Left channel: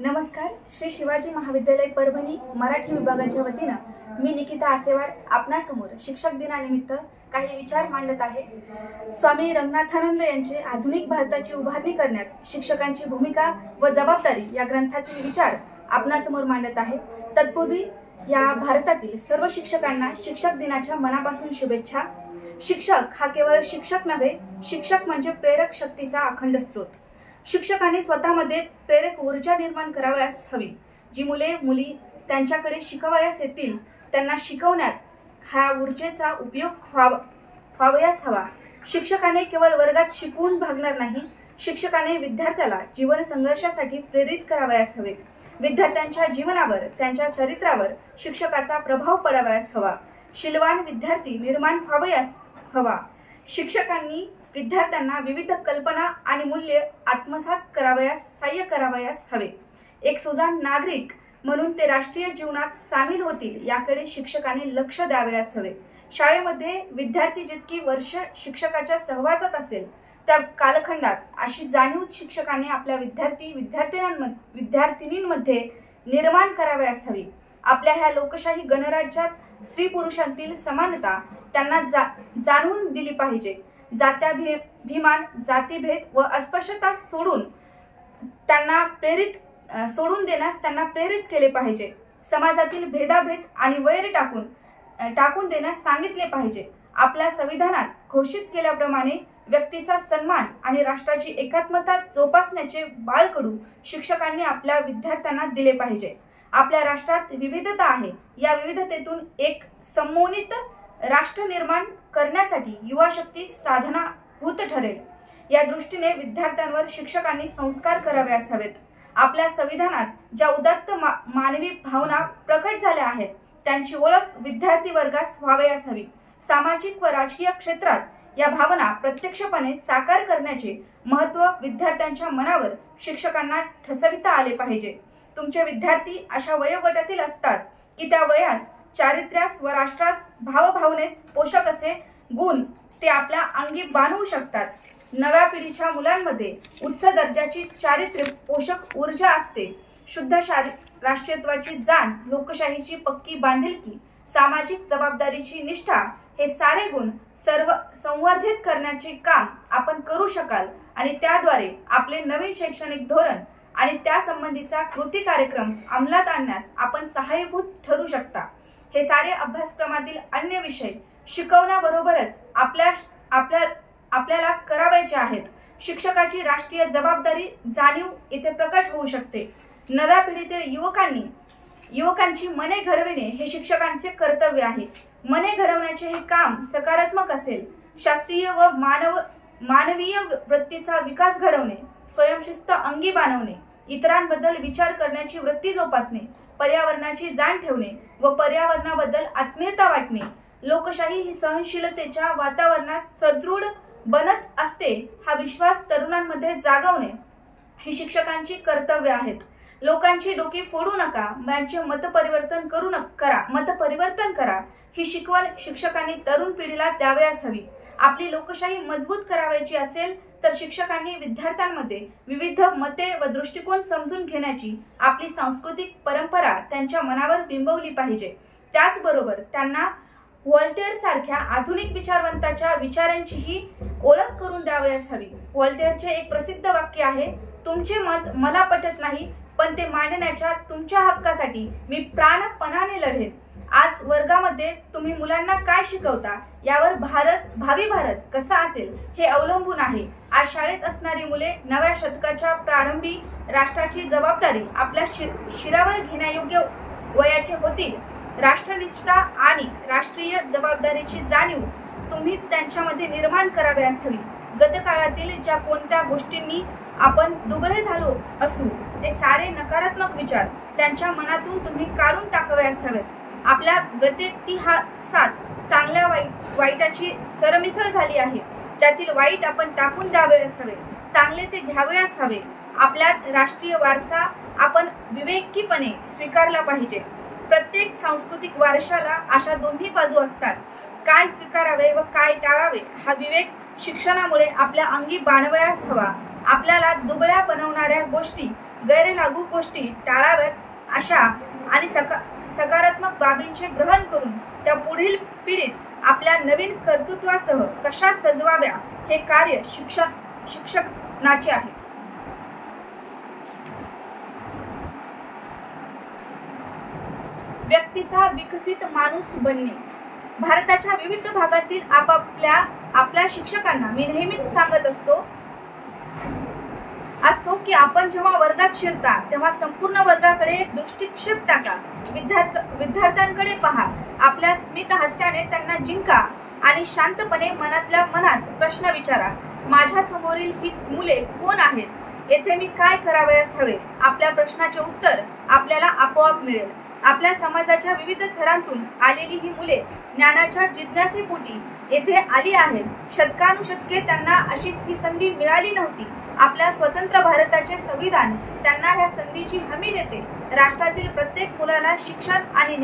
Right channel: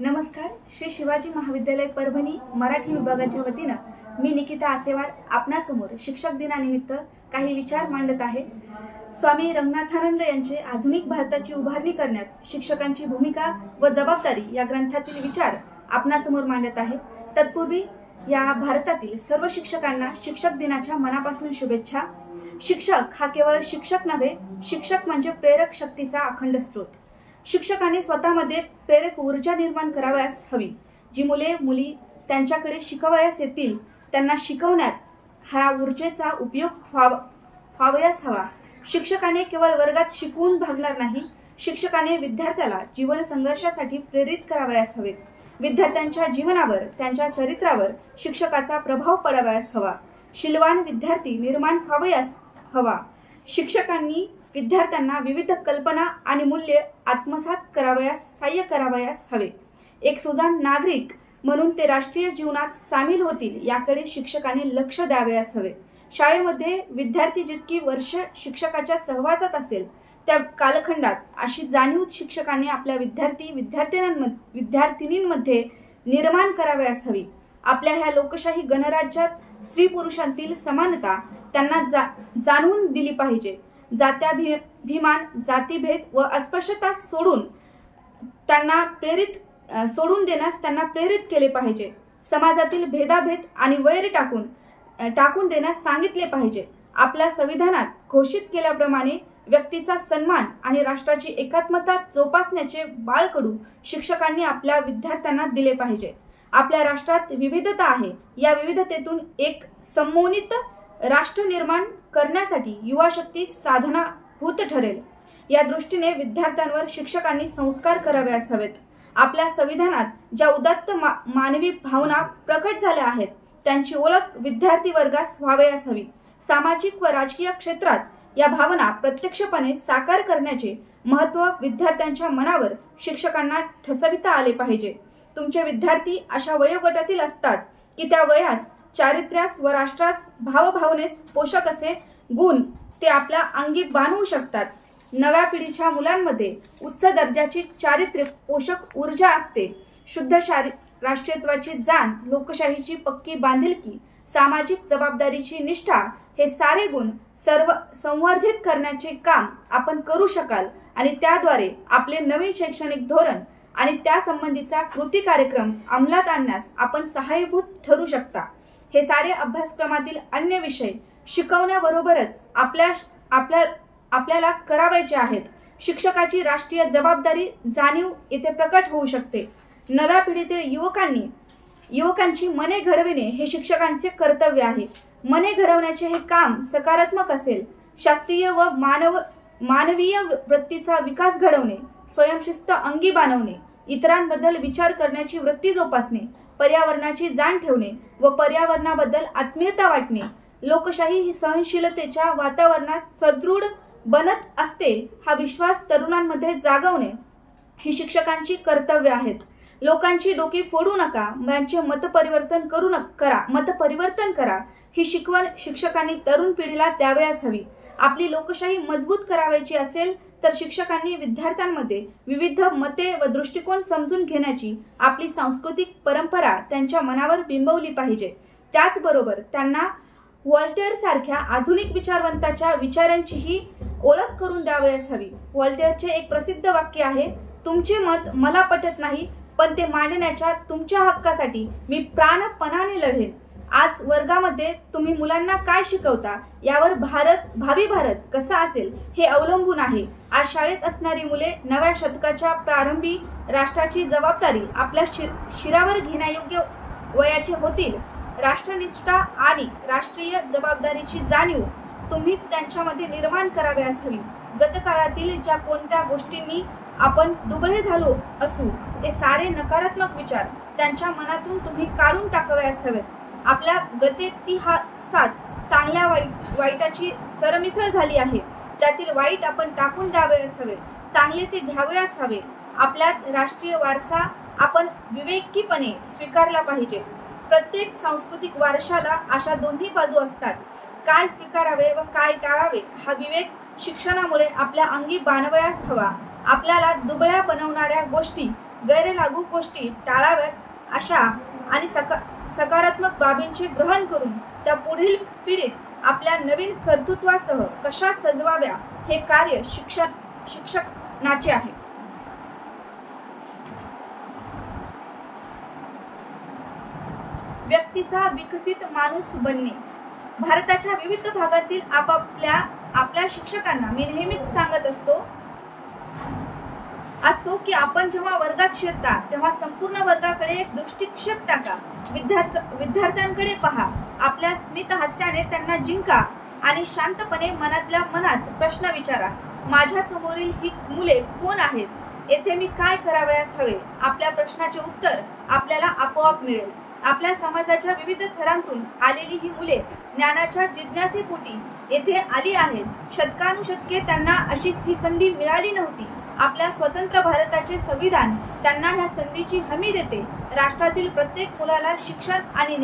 नमस्कार. श्री शिवाजी महाविद्यालय परभणी मराठी विभागाच्या वतीनं मी निकिता आसेवार आपणासमोर शिक्षक दिनानिमित्त काही विचार मांडत आहे. स्वामी रंगनाथानंद यांचे आधुनिक भारताची उभारणी करण्यात शिक्षकांची भूमिका व जबाबदारी या ग्रंथातील विचार आपणासमोर मांडत आहे. तत्पूर्वी या भारतातील सर्व शिक्षकांना शिक्षक दिनाच्या मनापासून शुभेच्छा. शिक्षक हा केवळ शिक्षक नव्हे, शिक्षक म्हणजे प्रेरक शक्तीचा अखंड स्रोत. शिक्षकांनी स्वतःमध्ये प्रेरक ऊर्जा निर्माण करावयास हवी. जी मुली त्यांच्याकडे शिकवयास येतील त्यांना शिकवण्यात ह्या ऊर्जेचा उपयोग व्हावयास हवा. शिक्षकाने केवळ वर्गात शिकवून भागणार नाही, शिक्षकाने विद्यार्थ्याला जीवन संघर्षासाठी प्रेरित करावयास हवे. विद्यार्थ्यांच्या जीवनावर, त्यांच्या चरित्रावर शिक्षकाचा प्रभाव पडावयास हवा. शीलवान विद्यार्थी निर्माण व्हावयास हवा. शिक्षकांनी विद्यार्थ्यांना विविध कल्पना आणि मूल्ये आत्मसात करावयास सहाय्य करावयास हवे. एक सुजाण नागरिक म्हणून ते राष्ट्रीय जीवनात सामील होतील याकडे शिक्षकांनी लक्ष द्यावयास हवे. शाळेमध्ये विद्यार्थी जितकी वर्ष शिक्षकाच्या सहवासात असेल त्या कालखंडात अशी जाणीव शिक्षकांनी आपल्या विद्यार्थिनींमध्ये निर्माण करावयास हवी. आपल्या ह्या लोकशाही गणराज्यात स्त्री पुरुषांतील समानता त्यांना जाणवून दिली पाहिजे. जात्याभिमान, जातीभेद व अस्पृश्यता सोडून देण्यास त्यांना प्रेरित केले पाहिजे. समाजातील भेदाभेद आणि वैर टाकून देण्यास सांगितले पाहिजे. आपल्या संविधानात घोषित केल्याप्रमाणे व्यक्तीचा सन्मान आणि राष्ट्राची एकात्मता जोपासण्याचे बाळकडू शिक्षकांनी आपल्या विद्यार्थ्यांना दिले पाहिजे. आपल्या राष्ट्रात विविधता आहे. या विविधतेतून एक समन्वित राष्ट्र निर्माण करण्यासाठी युवा शक्ती साधनाभूत ठरेल. या दृष्टीने विद्यार्थ्यांवर शिक्षकांनी संस्कार करावयास हवेत. आपल्या संविधानात ज्या उदात्त मानवी भावना प्रकट झाल्या आहेत त्यांची ओळख विद्यार्थी वर्गास व्हावयास हवी. सामाजिक व राजकीय क्षेत्रात या भावना प्रत्यक्षपणे साकार करण्याचे महत्त्व विद्यार्थ्यांच्या मनावर शिक्षकांना ठसविता आले पाहिजे. तुमचे विद्यार्थी अशा वयोगटातील असतात की त्या वयास चारित्र्यास व राष्ट्रास भावभावनेस पोषक असे गुण ते आपल्या अंगी बांधवू शकतात. नव्या पिढीच्या मुलांमध्ये उच्च दर्जाची चारित्र्य पोषक ऊर्जा असते. शुद्ध राष्ट्रीयत्वाची जाण, लोकशाहीची पक्की बांधिलकी, सामाजिक जबाबदारीची निष्ठा हे सारे गुण सर्व संवर्धित करण्याचे काम आपण करू शकाल आणि त्याद्वारे आपले नवीन शैक्षणिक धोरण आणि त्यासंबंधीचा कृती कार्यक्रम अंमलात आणण्यास आपण सहाय्यभूत ठरू शकता. हे सारे अभ्यासक्रमातील अन्य विषय शिकवण्याबरोबरच आपल्याला करावायचे आहेत. शिक्षकाची राष्ट्रीय जबाबदारी जाणीव येथे प्रकट होऊ शकते. नव्या पिढीतील युवकांची मने घडविणे हे शिक्षकांचे कर्तव्य आहे. मने घडवण्याचे हे काम सकारात्मक असेल. शास्त्रीय व मानवीय वृत्तीचा विकास घडवणे, स्वयंशिस्त अंगी बाणवणे, इतरांबद्दल विचार करण्याची वृत्ती जोपासणे, पर्यावरणाची जाण ठेवणे व पर्यावरणाबद्दल आत्मीयता वाटणे, लोकशाही ही सहनशीलतेच्या वातावरणात सदृढ बनत असते हा विश्वास तरुणांमध्ये जागवणे ही शिक्षकांची कर्तव्य आहेत. लोकांची डोकी फोडू नका, त्यांचे मतपरिवर्तन करा ही शिकवण शिक्षकांनी तरुण पिढीला द्यावयास हवी. आपली लोकशाही मजबूत करावायची असेल तर शिक्षकांनी विद्यार्थ्यांमध्ये विविध मते व दृष्टिकोन समजून घेण्याची आपली सांस्कृतिक परंपरा त्यांच्या मनावर बिंबवली पाहिजे. त्याचबरोबर त्यांना व्हॉल्टेअर सारख्या आधुनिक विचारवंताच्या विचारांचीही ओळख करून द्यावयास हवी. व्हॉल्टेअरचे एक प्रसिद्ध वाक्य आहे, तुमचे मत मला पटत नाही पण ते मांडण्याच्या तुमच्या हक्कासाठी मी प्राणपणाने लढेन. आज वर्गामध्ये तुम्ही मुलांना काय शिकवता यावर भावी भारत कसा असेल हे अवलंबून आहे. आज शाळेत असणारी मुले नव्या शतकाच्या प्रारंभी राष्ट्राची जबाबदारी आपल्या शिरावर घेण्यायोग्य वयाचे होतील. राष्ट्रनिष्ठा आणि राष्ट्रीय जबाबदारीची जाणीव तुम्ही त्यांच्यामध्ये निर्माण करावयास हवी. गतकाळातील ज्या कोणत्या गोष्टींनी आपण दुबळे झालो असू ते सारे नकारात्मक विचार त्यांच्या मनातून तुम्ही काढून टाकावयास हवेत. आपल्या गतेतिहासात चांगल्या वाईटाची सरमिसळ झाली आहे. त्यातील वाईट आपण टाकून द्यावयास हवे, चांगले ते घ्यावयास हवे. आपल्यात राष्ट्रीय वारसा आपण विवेकीपणे स्वीकारला पाहिजे. प्रत्येक सांस्कृतिक वारशाला अशा दोन्ही बाजू असतात. काय स्वीकारावे व काय टाळावे हा विवेक शिक्षणामुळे आपल्या अंगी बाणवयास हवा. आपल्याला दुबळ्या बनवणाऱ्या गोष्टी गैरलागू गोष्टी टाळाव्यात अशा आणि सकारात्मक बाबींचे ग्रहण करून त्या पुढील पिढीत आपल्या नवीन कर्तृत्वासह कशा सजवाव्या हे कार्य शिक्षणाचे आहे. व्यक्तीचा विकसित माणूस बनणे. भारताच्या विविध भागातील आपल्या शिक्षकांना मी नेहमीच सांगत असतो की आपण जेव्हा वर्गात शिरता तेव्हा संपूर्ण वर्गाकडे एक दृष्टिक्षेप टाका. विद्यार्थ्यांकडे पहा, आपल्या स्मित हास्याने त्यांना जिंका आणि शांतपणे मनातल्या मनात प्रश्न विचारा. माझ्या समोरील ही मुले कोण आहेत? येथे मी काय करावयास हवे? आपल्या प्रश्नाचे उत्तर आपल्याला आपोआप मिळेल. आपल्या समाजाच्या विविध थरांतून आलेली ही मुले ज्ञानाच्या जिज्ञासेपोटी येथे आली आहेत. शतकानुशतके त्यांना अशी ही संधी मिळाली नव्हती. आपल्या स्वतंत्र भारताचे संविधान त्यांना ह्या संधीची हमी देते. राष्ट्रातील प्रत्येक मुलाला शिक्षण आणि